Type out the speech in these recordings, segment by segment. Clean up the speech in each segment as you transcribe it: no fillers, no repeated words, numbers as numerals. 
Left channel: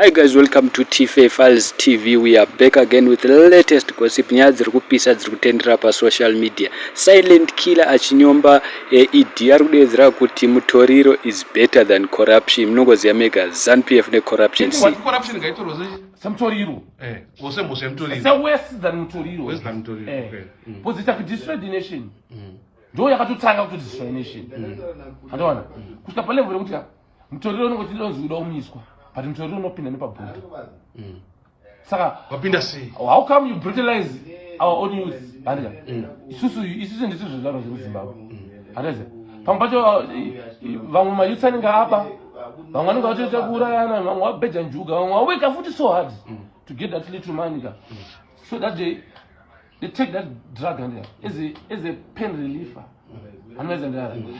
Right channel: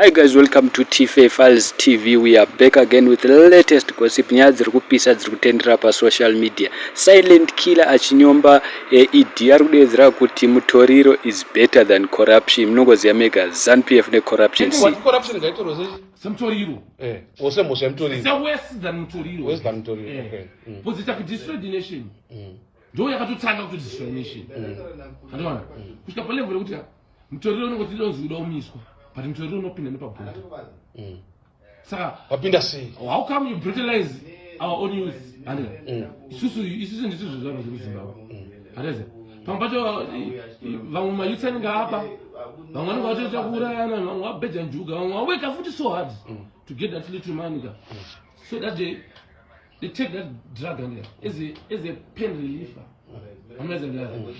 Hi guys, welcome to TFA Files TV. We are back again with the latest gossip. Nyaya dziri kupisa dziri kutendera pa social media. Silent killer achinyomba idi ari kudedzera kuti mutoriro is better than corruption. Mnogoziya mega ZANU-PF ne corruption si. Corruption gaitwa Samtoriro. Wose musemtoriro. It's a worse than mutoriro. Worse than mutoriro. Okay. Because it has destroyed the nation. Ndio yakatotanga kuti destroy the nation. Andona. Kusika pale vile kuti mutoriro unongoti donzi umiswa. But mutoriro unopinda nepabhuda. Saka wapinda sei. How come you brutalize our own youth? Andika. Isusu ndizvo zvava zvemuZimbabwe. Andika. Pambacho vamwe mayouth anenge apa. Vamwe vanenge vatoita kuurayana, vamwe vabheja njuga, vamwe vaweka futi so hard to get that little money. So that they take that drug as a pain reliever.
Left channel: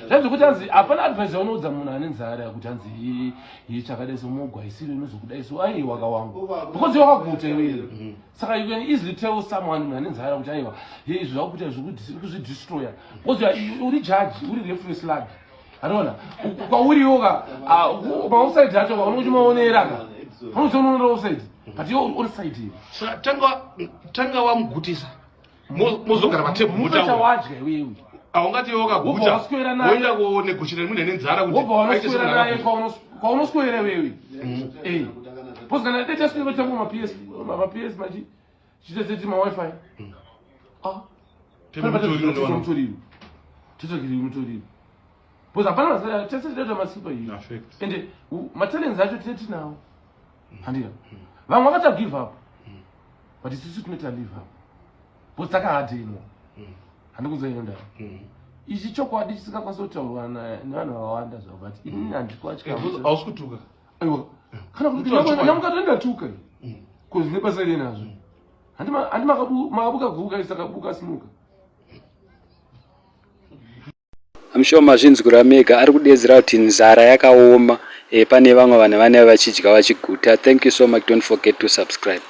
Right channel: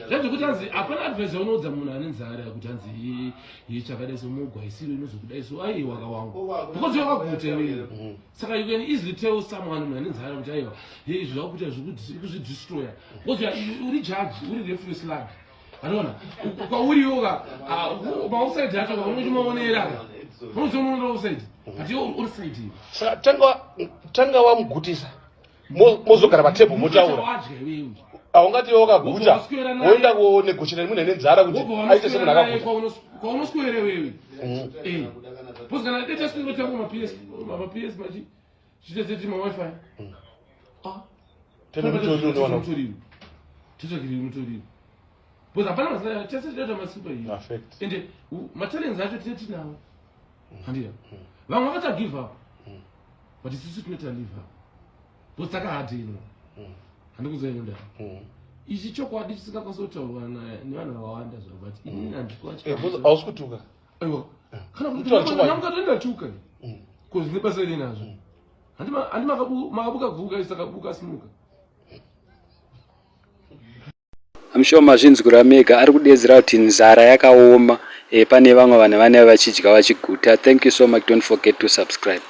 Zvazvo kuti anzi hapana advice yaunodza munhu ane nzara yakuti anzi chakadai somugwa isiri inozokudai so aiwa kawangu because wakaguta iwewe. Saka you can easily tell someone munhu ane nzara kuti aiwa izvi zvakuita zvikuzvidestroya because uri judge uri referee slug. Andona kwauriyoka mauside acho unochimaoneraka unozonoona uside but iwe uri side iyi. Saka tanga wamugutisa mozogara patebhu motaura wadya iwewe aungati wakaguta woenda kunegotiate munhu ane nzara kuti aite semunhu akaguta kwaunoswera wewe. Because kana data single tango ma-PS machi chiteseti ma-wifi mutoriro totogiri mutoriro because hapana masaya tese data masipa iyi ende matalents acho tinawo handira vamwe vakacha give up but isusu tinoita live up because takahadhinwa handikuzoenda ichi chokwadi chisingakwanisa kutaurwa nevanhu vakawanda zvavo but inini hausi kutuka aiwa kana kuti namukatondatuka kuzvine basa renazvo handi makabuka guka isakabuka simuka. I'm sure mazvinzwira mega ari kudedzera kuti nzara yakaoma pane vamwe vanhu vane vachidya vachiguta. Thank you so much. Don't forget to subscribe.